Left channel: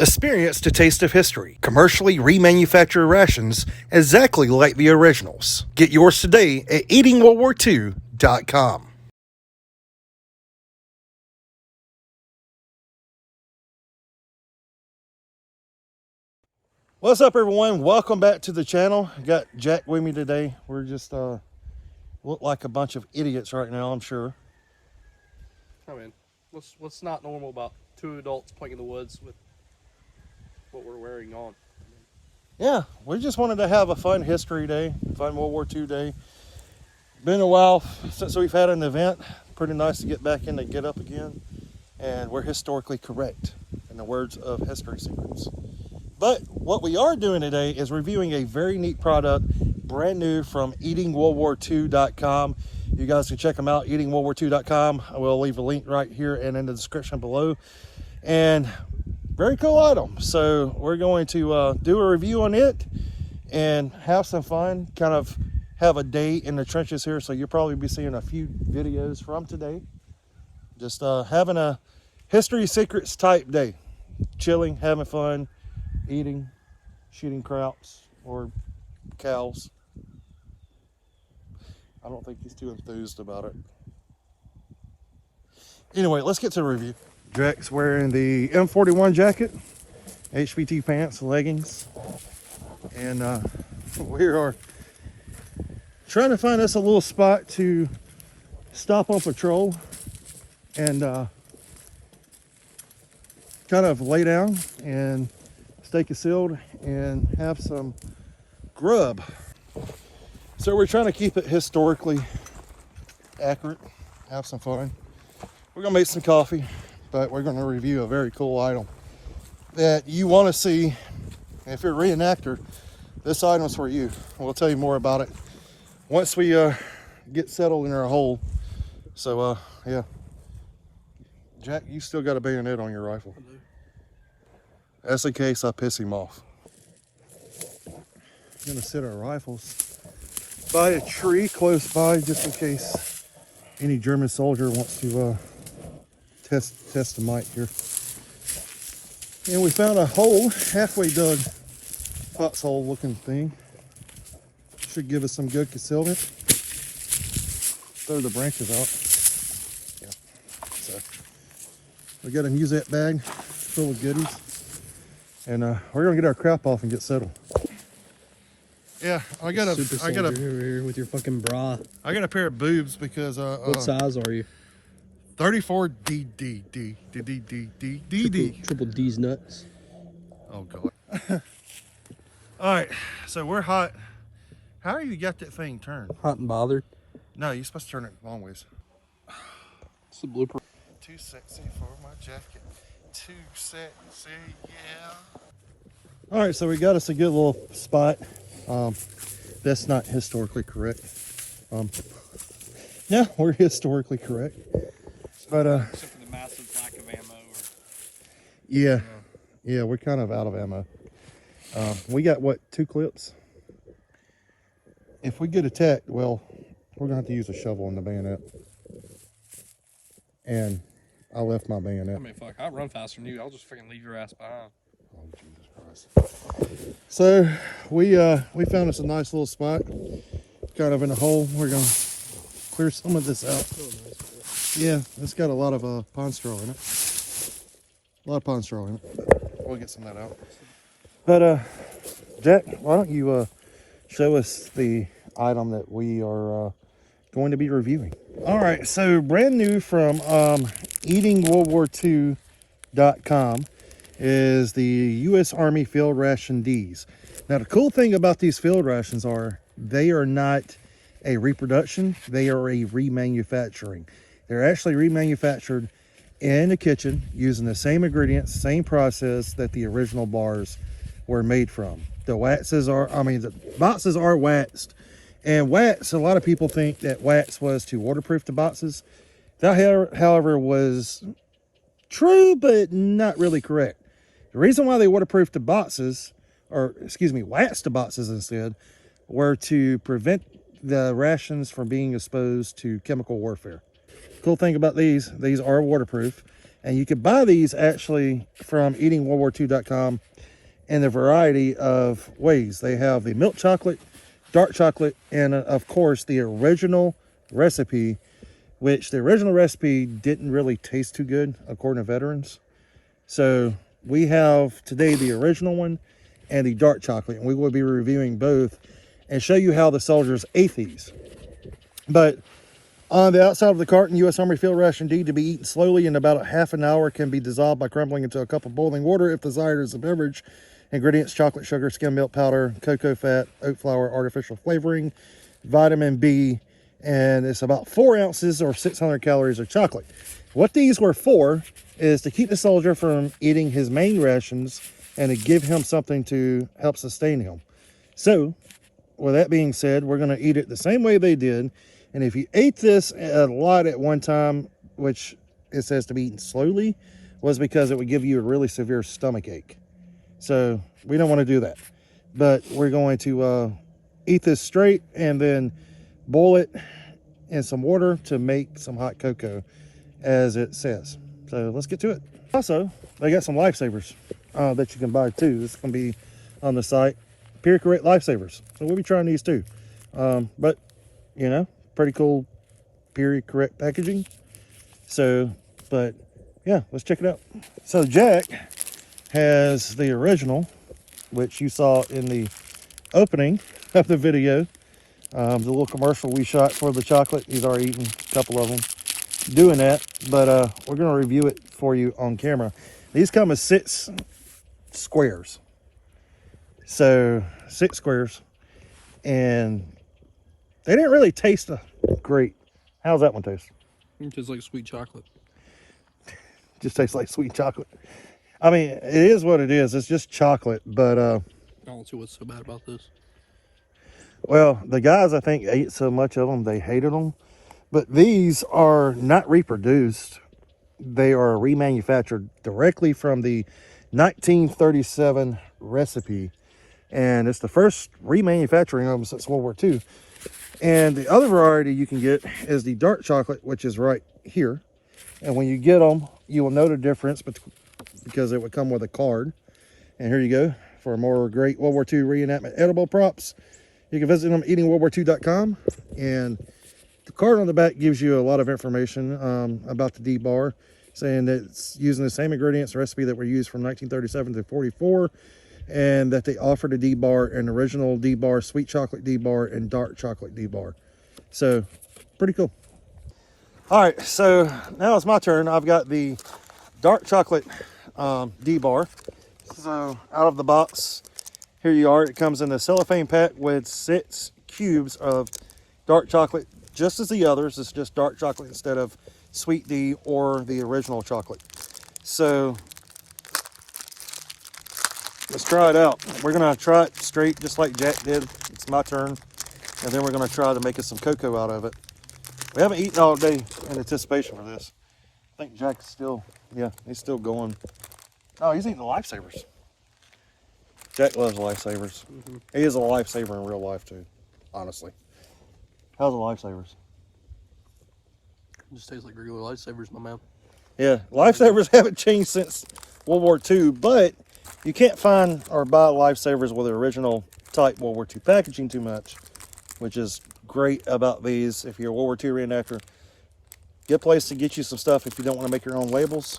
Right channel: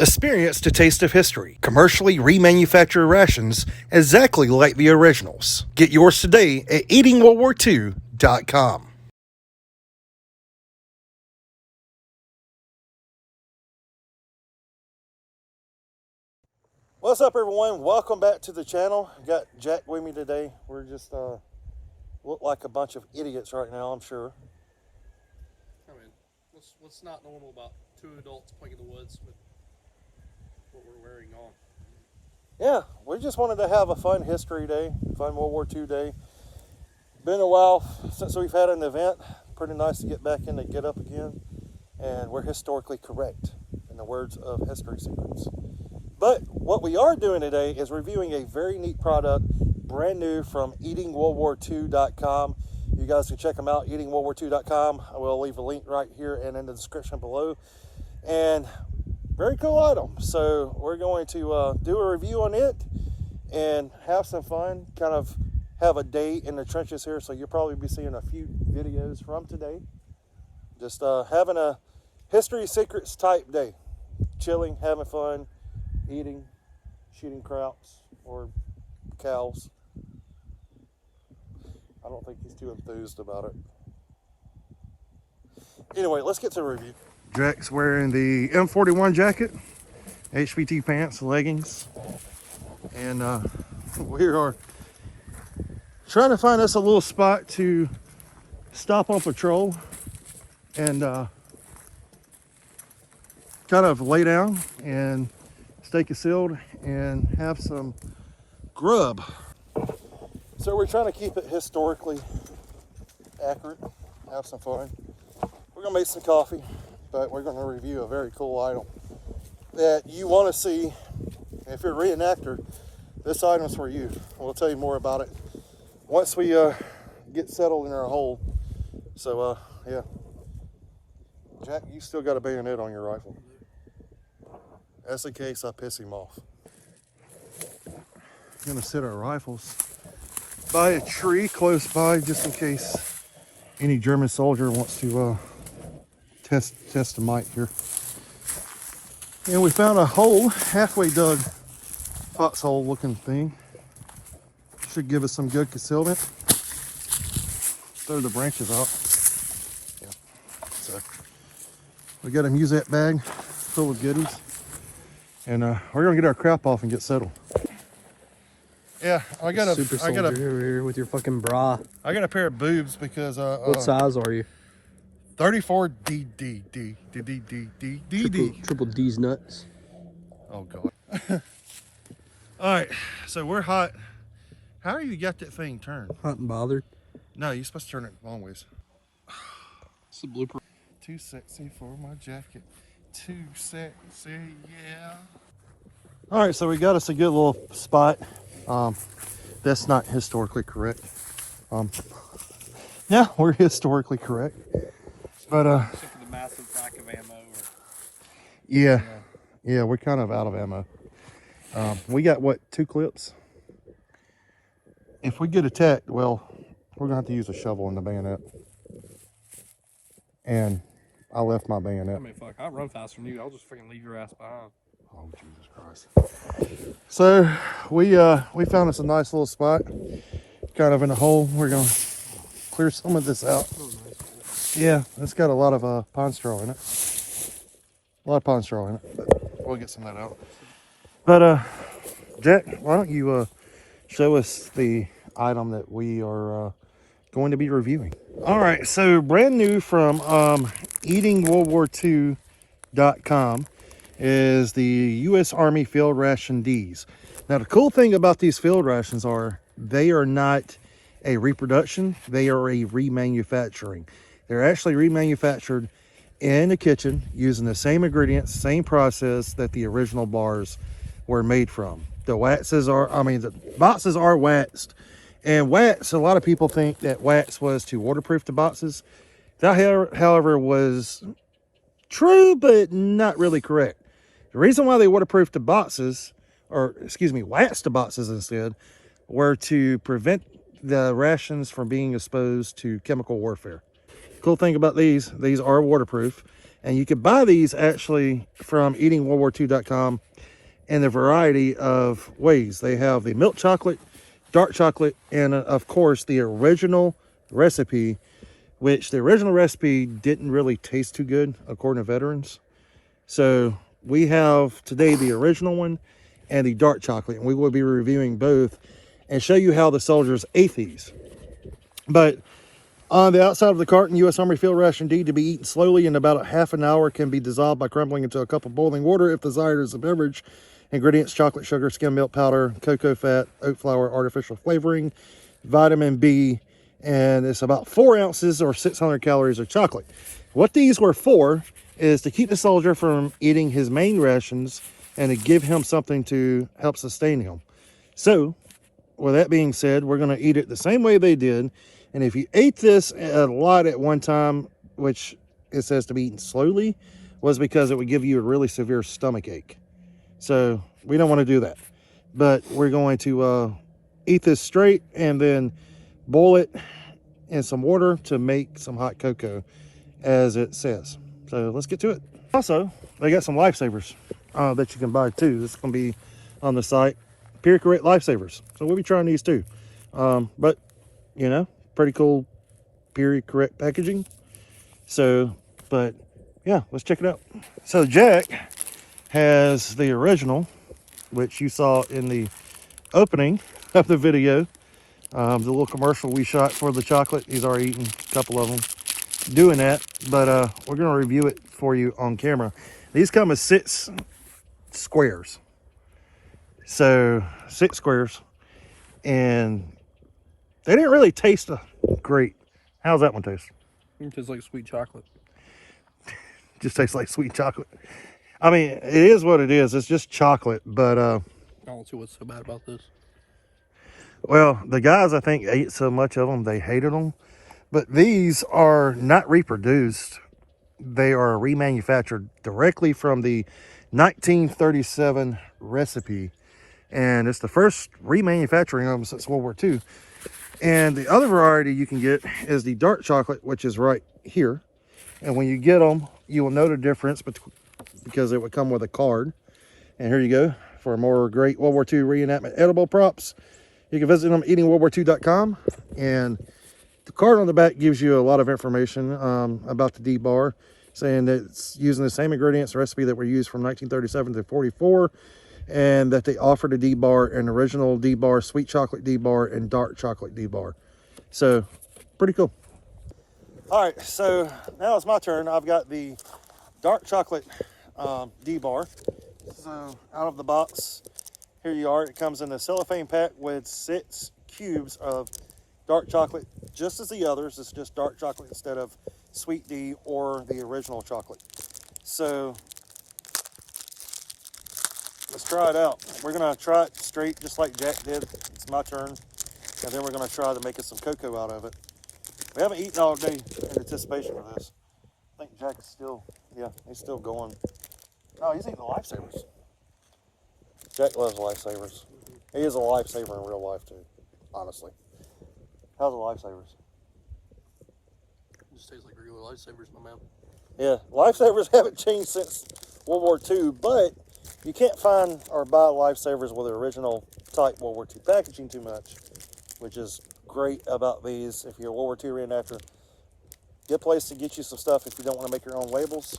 Experience the taste of history. Commercially remanufactured rations exactly like the originals. Get yours today at eatingworldwar2.com. What's up, everyone? Welcome back to the channel. Got Jack with me today. We're just look like a bunch of idiots right now, I'm sure. I mean, what's not normal about two adults playing in the woods with what we're wearing on? Yeah, we just wanted to have a fun history day, fun World War II day. Been a while since we've had an event. Pretty nice to get back in and get up again. And we're historically correct, in the words of History Secrets. But what we are doing today is reviewing a very neat product, brand new from eatingworldwar2.com. You guys can check them out, eatingworldwar2.com. I will leave a link right here and in the description below. And very cool item. So we're going to do a review on it and have some fun, kind of have a day in the trenches here. So you'll probably be seeing a few videos from today. Just having a History Secrets type day. Chilling, having fun, eating, shooting crops or cows. I don't think he's too enthused about it. Anyway, let's get to the review. Jack's wearing the M41 jacket, HPT pants, leggings, and we are trying to find us a little spot to stop on patrol and kind of lay down and stay concealed and have some grub. So we're trying to keep it historically accurate, have some fun. We're gonna make some coffee, but we're gonna review a very cool item that you wanna see. If you're a reenactor, this item's for you. We'll tell you more about it once we get settled in our hole. So yeah. Jack, you still got a bayonet on your rifle. That's in case I piss him off. I'm gonna set our rifles by a tree close by just in case any German soldier wants to test the mic here. And we found a hole, halfway dug foxhole looking thing. Should give us some good concealment. Throw the branches out. Yeah. So we got a musette bag full of goodies. And we're gonna get our crap off and get settled. Yeah, I got a over here with your fucking bra. I got a pair of boobs because What size are you? 34 D. Triple D's nuts. Oh god. All right, so we're hot. How you got that thing turned? Hot and bothered. No, you're supposed to turn it long ways. It's a blooper. Too sexy for my jacket. Too sexy, yeah. All right, so we got us a good little spot. That's not historically correct. Yeah, we're historically correct. But except for the massive lack of ammo. Yeah, we're kind of out of ammo. We got what, 2 clips? If we get attacked, well, we're gonna have to use a shovel in the bayonet. And I left my bayonet. I mean, fuck, I run faster than you. I'll just freaking leave your ass behind. Oh, Jesus Christ. So we found us a nice little spot, kind of in a hole. We're gonna clear some of this out. Yeah, it's got a lot of pine straw in it. A lot of pine straw in it. But we'll get some of that out. But Jack, why don't you show us the item that we are going to be reviewing? All right, so brand new from eatingworldwar2.com is the U.S. Army Field Ration Ds. Now, the cool thing about these field rations are they are not a reproduction, they are a remanufacturing. They're actually remanufactured in the kitchen using the same ingredients, same process that the original bars were made from. The the boxes are waxed. And wax, a lot of people think that wax was to waterproof the boxes. That, however, was true, but not really correct. The reason why they waterproofed the boxes, or excuse me, waxed the boxes instead, were to prevent the rations from being exposed to chemical warfare. Cool thing about these are waterproof. And you can buy these actually from eatingworldwar2.com in a variety of ways. They have the milk chocolate, dark chocolate, and of course the original recipe, which the original recipe didn't really taste too good according to veterans. So we have today the original one and the dark chocolate, and we will be reviewing both and show you how the soldiers ate these. But on the outside of the carton, U.S. Army Field Ration D, to be eaten slowly in about a half an hour, can be dissolved by crumbling into a cup of boiling water if desired as a beverage. Ingredients: chocolate, sugar, skim milk powder, cocoa fat, oat flour, artificial flavoring, vitamin B, and it's about 4 ounces or 600 calories of chocolate. What these were for is to keep the soldier from eating his main rations and to give him something to help sustain him. So, with that being said, we're going to eat it the same way they did. And if you ate this a lot at one time, which it says to be eaten slowly, was because it would give you a really severe stomach ache. So we don't want to do that. But we're going to eat this straight and then boil it in some water to make some hot cocoa, as it says. So let's get to it. Also, they got some lifesavers that you can buy too. This is going to be on the site. Period Correct Lifesavers. So we'll be trying these too. But, you know, pretty cool period correct packaging. So, but yeah, let's check it out. So Jack has the original, which you saw in the opening of the video. The little commercial we shot for the chocolate. He's already eaten a couple of them doing that, but we're going to review it for you on camera. These come as 6 squares. So 6 squares, and they didn't really taste great. How's that one taste? It tastes like sweet chocolate. Just tastes like sweet chocolate. I mean, it is what it is. It's just chocolate, but I don't see what's so bad about this. well, the guys, I think, ate so much of them they hated them. But these are not reproduced. They are remanufactured directly from the 1937 recipe. And it's the first remanufacturing of them since World War II. And the other variety you can get is the dark chocolate, which is right here. And when you get them, you will know the difference because it would come with a card. And here you go for more great World War II reenactment edible props. You can visit them at eatingworldwar2.com. And the card on the back gives you a lot of information about the D-bar, saying that it's using the same ingredients and recipe that were used from 1937 to 44. And that they offered a D-bar, an original D-bar, sweet chocolate D-bar, and dark chocolate D-bar. So, pretty cool. All right, so now it's my turn. I've got the dark chocolate D-bar. So, out of the box, here you are. It comes in a cellophane pack with 6 cubes of dark chocolate, just as the others. It's just dark chocolate instead of sweet D or the original chocolate. So, let's try it out. We're gonna try it straight, just like Jack did. It's my turn. And then we're gonna try to make us some cocoa out of it. We haven't eaten all day in anticipation for this. I think Jack is still, yeah, he's still going. Oh, he's eating the lifesavers. Jack loves lifesavers. Mm-hmm. He is a lifesaver in real life too, honestly. How's the lifesavers? It just tastes like regular lifesavers, my man. Yeah, lifesavers haven't changed since World War II, but you can't find or buy lifesavers with the original type World War II packaging too much, which is great about these. If you're a World War II reenactor, good place to get you some stuff if you don't want to make your own labels.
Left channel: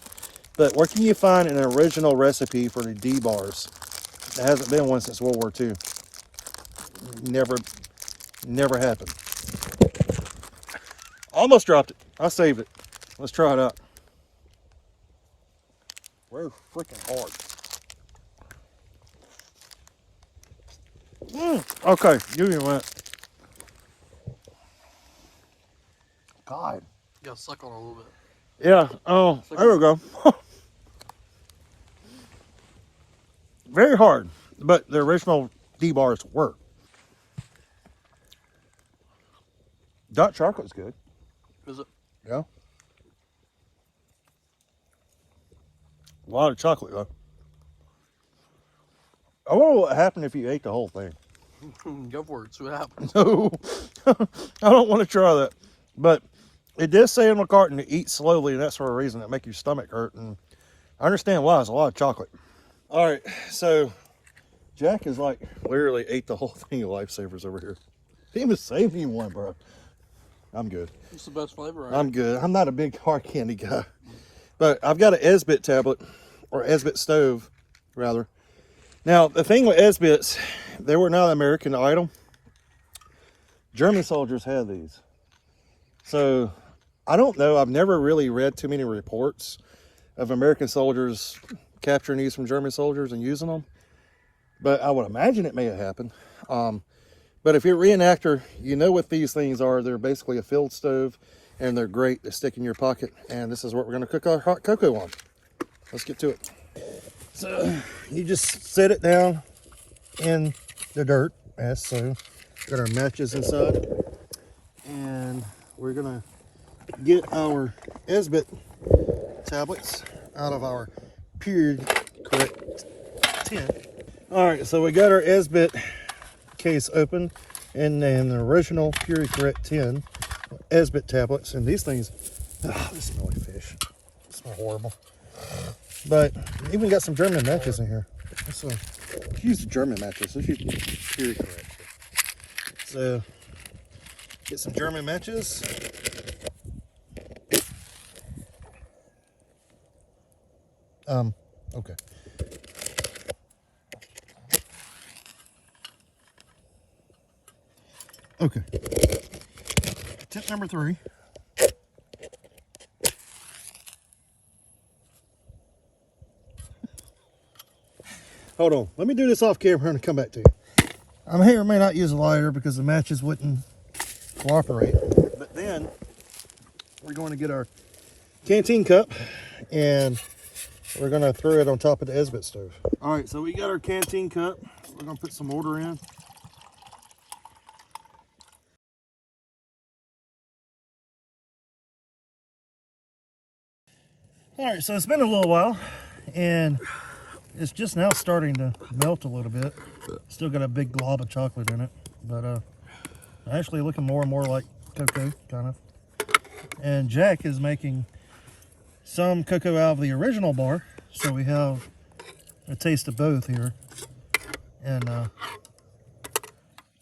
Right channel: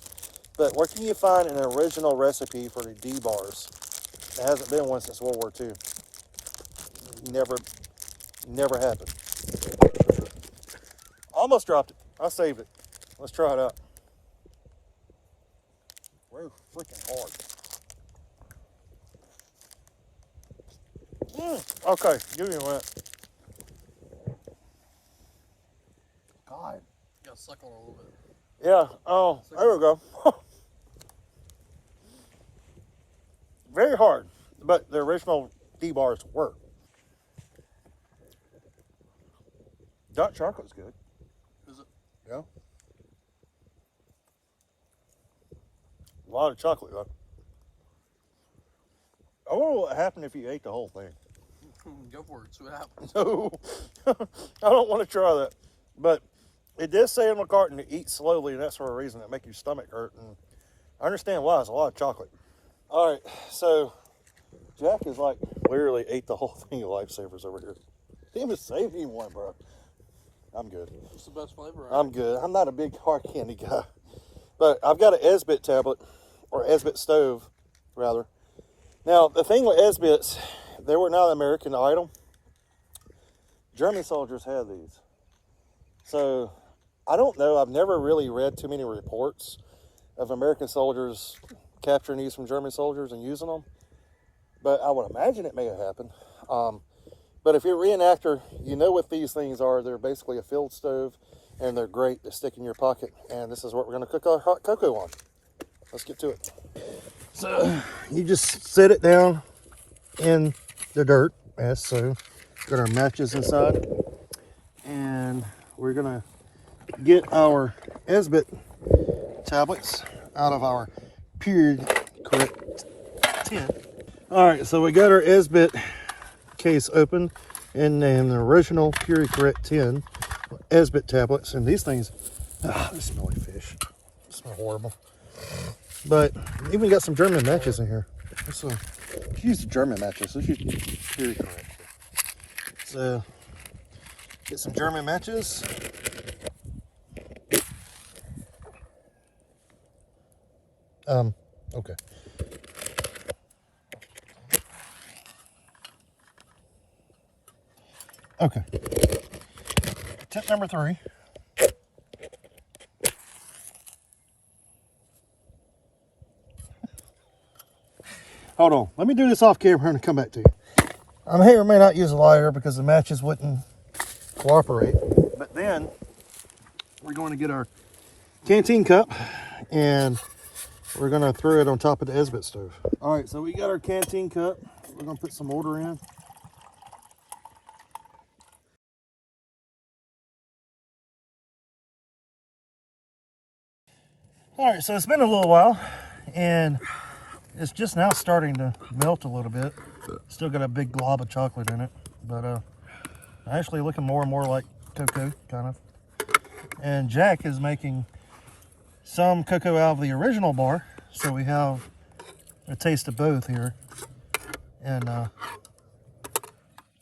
But where can you find an original recipe for the D-bars? There hasn't been one since World War II. Never happened. Almost dropped it. I saved it. Let's try it out. We're freaking hard. Okay, give me a minute. God. You gotta suck on it a little bit. Yeah, oh, there we go. Very hard, but the original D-bars were. Dark chocolate's good. Is it? Yeah. A lot of chocolate, though. I wonder what happened if you ate the whole thing. Go for it, see what happens. No, I don't want to try that. But It did say in the carton to eat slowly, and that's for a reason. It make your stomach hurt, and I understand why. It's a lot of chocolate. All right, so Jack is like literally ate the whole thing of Lifesavers over here. He even saved me one, bro. I'm good. It's the best flavor. I'm good. I'm not a big hard candy guy, but I've got an Esbit tablet, or Esbit stove, rather. Now, the thing with Esbits, they were not American Idol. German soldiers had these. So, I don't know. I've never really read too many reports of American soldiers capturing these from German soldiers and using them. But I would imagine it may have happened. But if you're a reenactor, you know what these things are. They're basically a field stove, and they're great to stick in your pocket. And this is what we're going to cook our hot cocoa on. Let's get to it. So, you just set it down in the dirt, as so. Got our matches inside. And we're going to get our Esbit tablets out of our period correct tin. All right, so we got our Esbit case open, and then the original period correct tin Esbit tablets, and these things, they smell like fish. They smell horrible. But even got some German matches in here. So use the German matches. Let's use period correct. So get some German matches. Okay. Okay. Tip number 3. Hold on. Let me do this off camera and come back to you. I may or may not use a lighter because the matches wouldn't cooperate. But then we're going to get our canteen cup and we're going to throw it on top of the Esbit stove. All right, so we got our canteen cup. We're going to put some water in. All right, so it's been a little while, and it's just now starting to melt a little bit. Still got a big glob of chocolate in it, but actually looking more and more like cocoa, kind of. And Jack is making some cocoa out of the original bar, so we have a taste of both here, and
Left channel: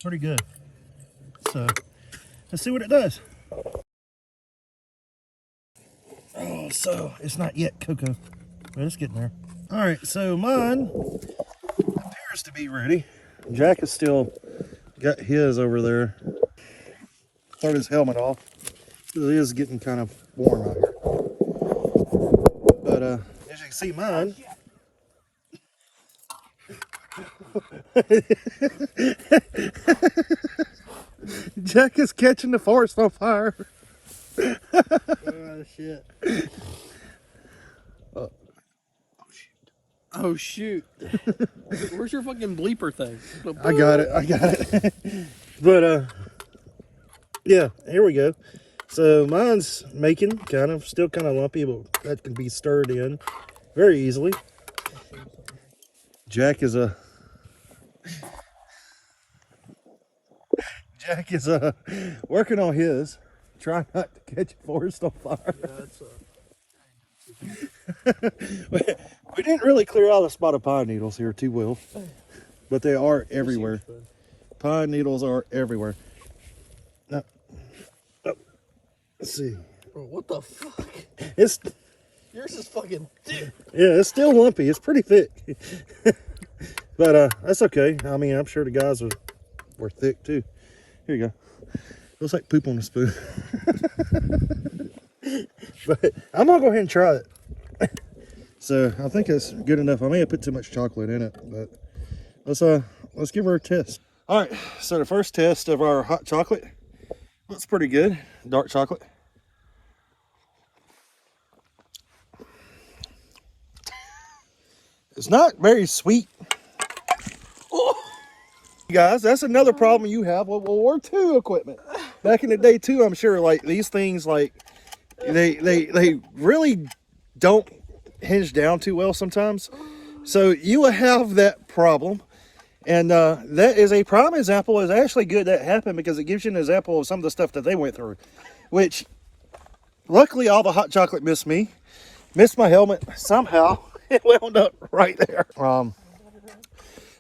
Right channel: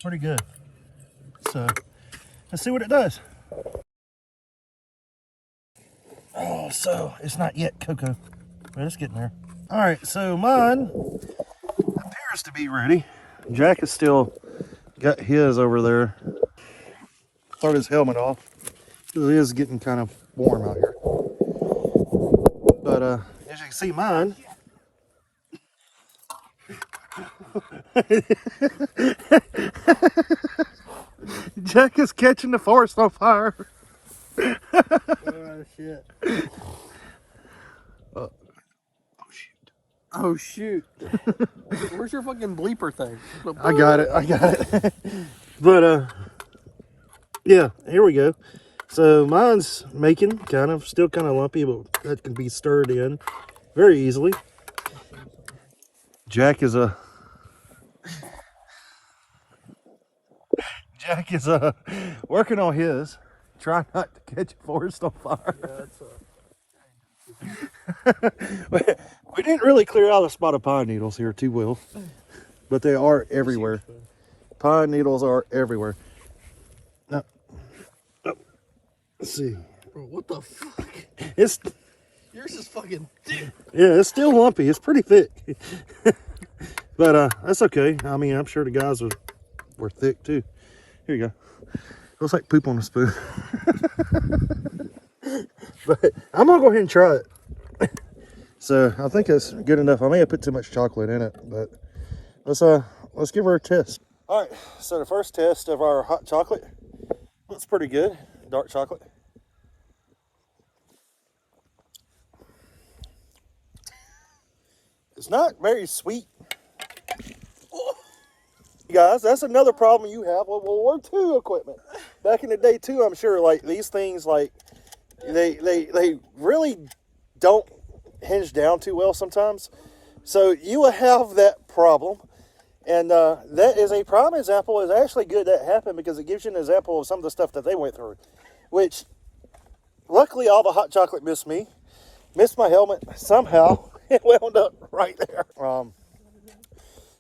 pretty good. So let's see what it does. Oh, so it's not yet cocoa, but it's getting there. All right, so mine appears to be ready. Jack is still got his over there. Throw his helmet off. It is getting kind of warm out here. But as you can see, mine. Jack is catching the forest on fire. Oh shit. Oh shoot. Where's your fucking bleeper thing? I got it. But yeah, here we go. So mine's making still kind of lumpy, but that can be stirred in very easily. Jack is working on his, trying not to catch a forest on fire. Yeah, that's We didn't really clear out a spot of pine needles here too well, but they are everywhere. Pine needles are everywhere. Now, let's see. Bro, what the fuck? It's Yours is fucking thick. Yeah, it's still lumpy. It's pretty thick, but that's okay. I mean, I'm sure the guys were thick too. Here you go. Looks like poop on a spoon. But I'm gonna go ahead and try it. So I think it's good enough. I may have put too much chocolate in it, but let's give her a test. All right, so the first test of our hot chocolate looks pretty good. Dark chocolate. It's not very sweet. Oh. Guys, that's another problem you have with World War II equipment. Back in the day too, I'm sure like these things like they really don't hinge down too well sometimes. So you will have that problem. And that is a prime example. It's actually good that happened because it gives you an example of some of the stuff that they went through, which luckily all the hot chocolate missed me. Missed my helmet somehow. It wound up right there.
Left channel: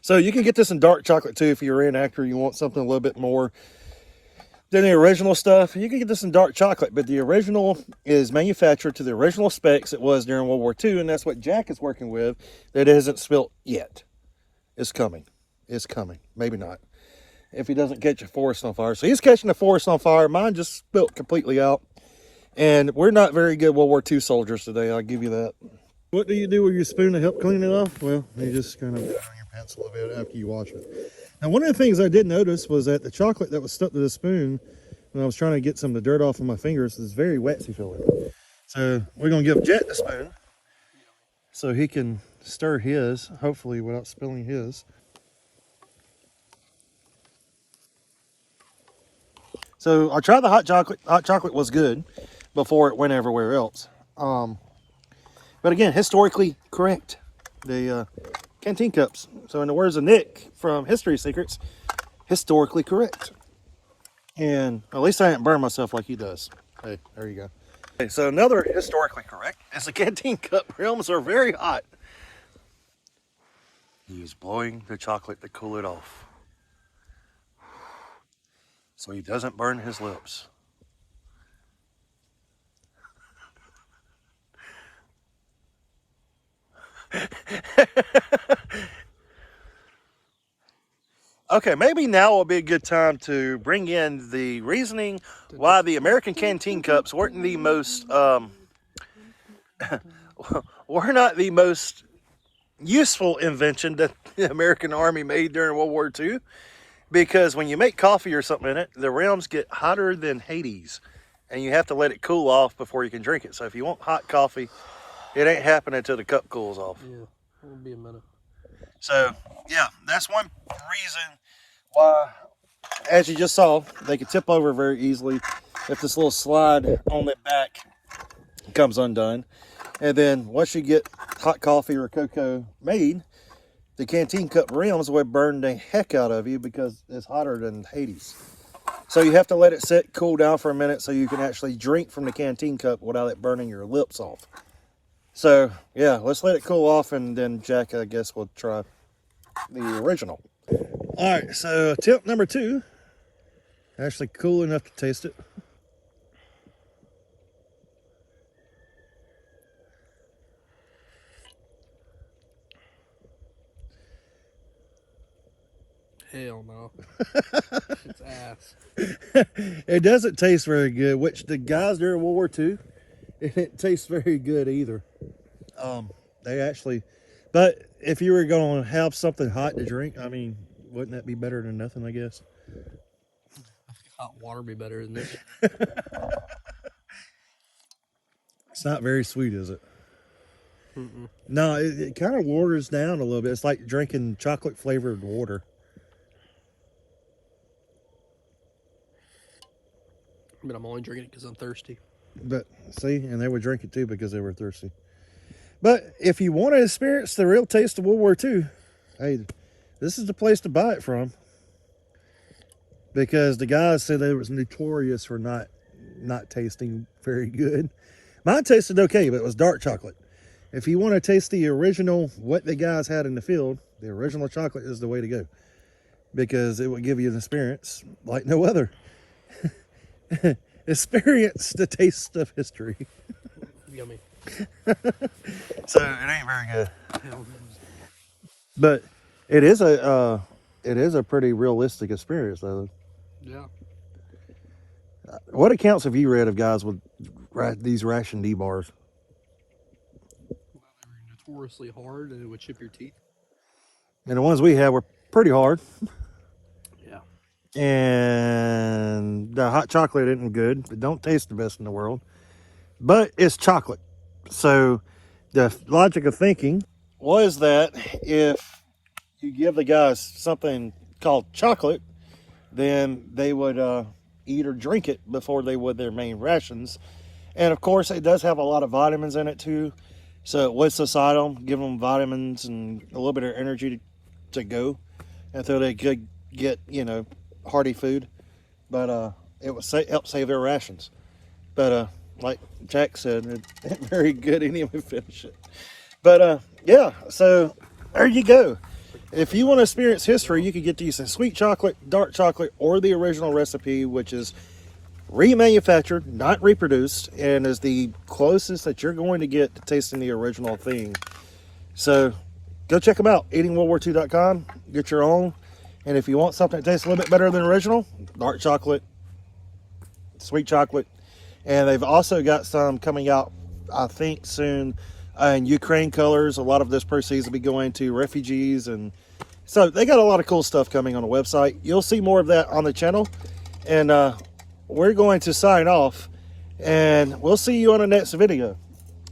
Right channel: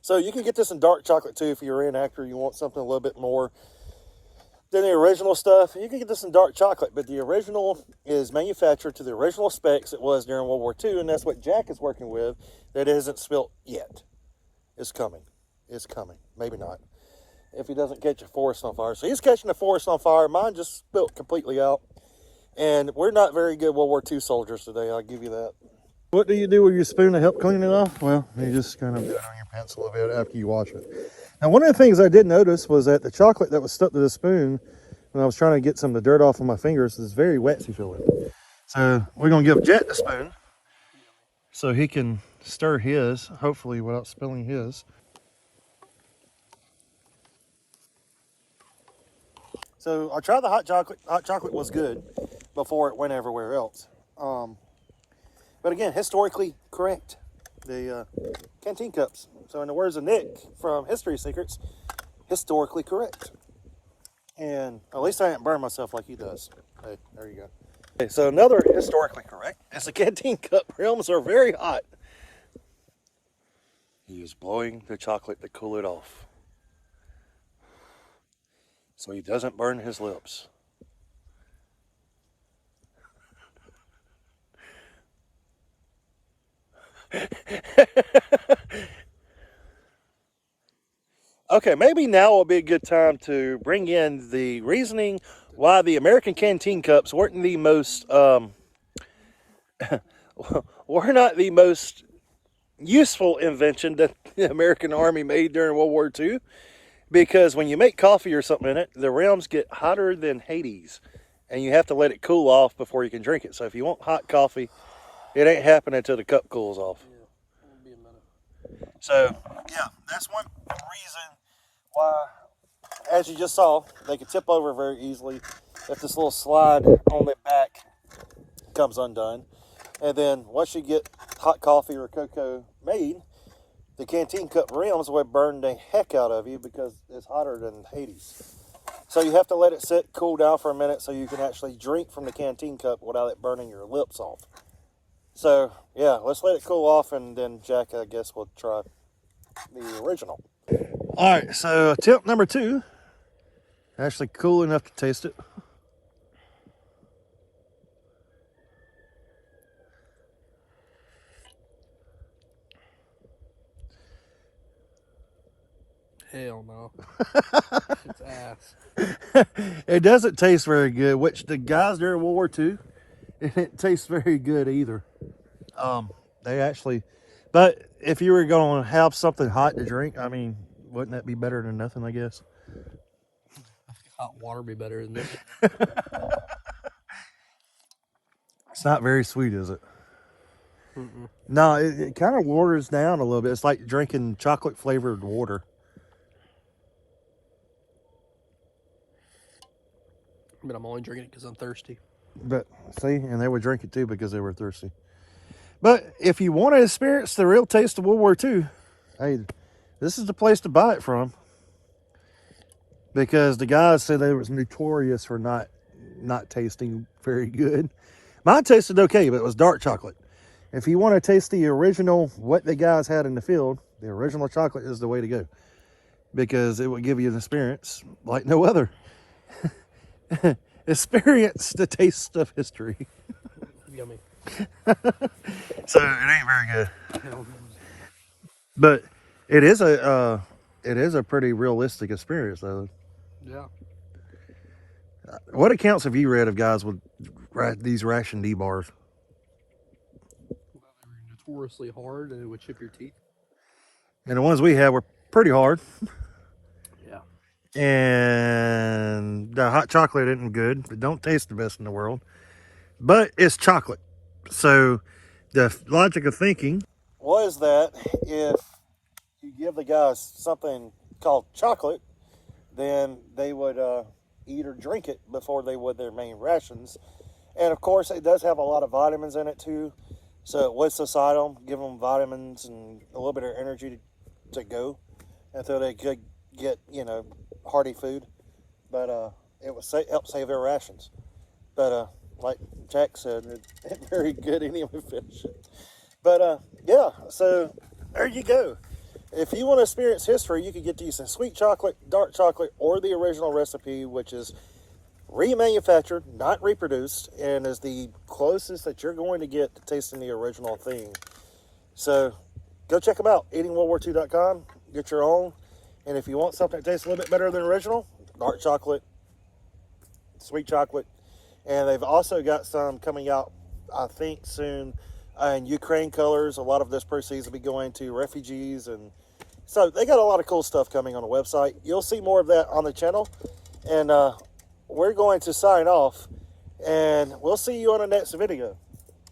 So you can get this in dark chocolate too if you're a reenactor. You want something a little bit more than the original stuff. You can get this in dark chocolate, but the original is manufactured to the original specs it was during World War II, and that's what Jack is working with. That isn't spilt yet. It's coming. It's coming. Maybe not. If he doesn't catch a forest on fire. So he's catching the forest on fire. Mine just spilt completely out. And we're not very good World War II soldiers today, I'll give you that. What do you do with your spoon to help clean it off? Well, you just kind of put it on your pencil a bit after you wash it. Now, one of the things I did notice was that the chocolate that was stuck to the spoon when I was trying to get some of the dirt off of my fingers is very wet, you feel it. So we're going to give Jet the spoon so he can stir his, hopefully without spilling his. So I tried the hot chocolate. Hot chocolate was good before it went everywhere else. But again, historically correct. The canteen cups. So in the words of Nick from History Secrets, historically correct. And at least I didn't burn myself like he does. Hey, there you go. Okay, so another historically correct is the canteen cup rims are very hot. He's blowing the chocolate to cool it off, so he doesn't burn his lips. Okay, maybe now will be a good time to bring in the reasoning why the American canteen cups weren't the most were not the most useful invention that the American Army made during World War II. Because when you make coffee or something in it, the rims get hotter than Hades, and you have to let it cool off before you can drink it. So if you want hot coffee, it ain't happening until the cup cools off. Yeah, it'll be a minute. So yeah, that's one reason why, as you just saw, they could tip over very easily if this little slide on the back comes undone. And then once you get hot coffee or cocoa made, the canteen cup rims would burn the heck out of you because it's hotter than Hades. So you have to let it sit, cool down for a minute so you can actually drink from the canteen cup without it burning your lips off. So yeah, let's let it cool off, and then Jack, I guess, will try the original. All right, so tip number 2, actually cool enough to taste it. Hell no. It's ass. It doesn't taste very good, which the guys during World War II, it didn't taste very good either. They actually, but if you were going to have something hot to drink, I mean, wouldn't that be better than nothing, I guess? I think hot water would be better than this. It's not very sweet, is it? Mm-mm. No, it kind of waters down a little bit. It's like drinking chocolate flavored water. But I'm only drinking it because I'm thirsty. But see, and they would drink it too because they were thirsty. But if you want to experience the real taste of World War II, hey, this is the place to buy it from. Because the guys said they was notorious for not tasting very good. Mine tasted okay, but it was dark chocolate. If you want to taste the original, what the guys had in the field, the original chocolate is the way to go. Because it will give you an experience like no other. Experience the taste of history. Yummy. So it ain't very good. Hell no. But it is a pretty realistic experience though. Yeah. What accounts have you read of guys with these Ration D bars? Well, they were notoriously hard and it would chip your teeth. And the ones we had were pretty hard. Yeah. And the hot chocolate isn't good. It don't taste the best in the world. But it's chocolate. So the logic of thinking was that if you give the guys something called chocolate, then they would eat or drink it before they would their main rations. And of course, it does have a lot of vitamins in it too. So it would subside them, give them vitamins and a little bit of energy to go until they could get, you know, hearty food. But it would help save their rations. But like Jack said, it very good anyway. Finish it. But yeah, so there you go. If you want to experience history, you could get these in sweet chocolate, dark chocolate, or the original recipe, which is remanufactured, not reproduced, and is the closest that you're going to get to tasting the original thing. So go check them out, eatingworldwar2.com. Get your own. And if you want something that tastes a little bit better than original, dark chocolate, sweet chocolate. And they've also got some coming out, I think, soon in Ukraine colors. A lot of this proceeds will be going to refugees. And so they got a lot of cool stuff coming on the website. You'll see more of that on the channel. And we're going to sign off. And we'll see you on the next video.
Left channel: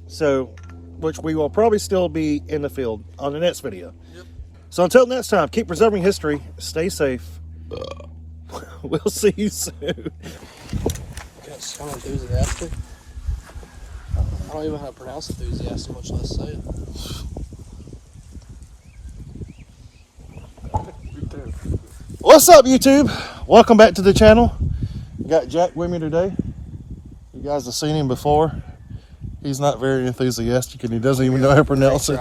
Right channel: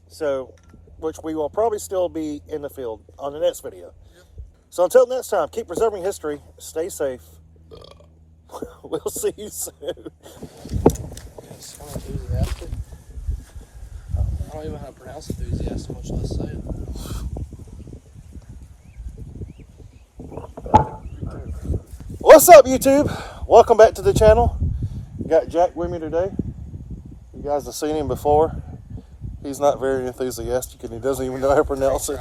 So, which we will probably still be in the field on the next video. Yep. So until next time, keep preserving history. Stay safe. We'll see you soon. Yes, I'm enthusiastic. I don't even know how to pronounce enthusiastic, much less say it. What's up, YouTube? Welcome back to the channel. Got Jack with me today. You guys have seen him before. He's not very enthusiastic and he doesn't even know how to pronounce it.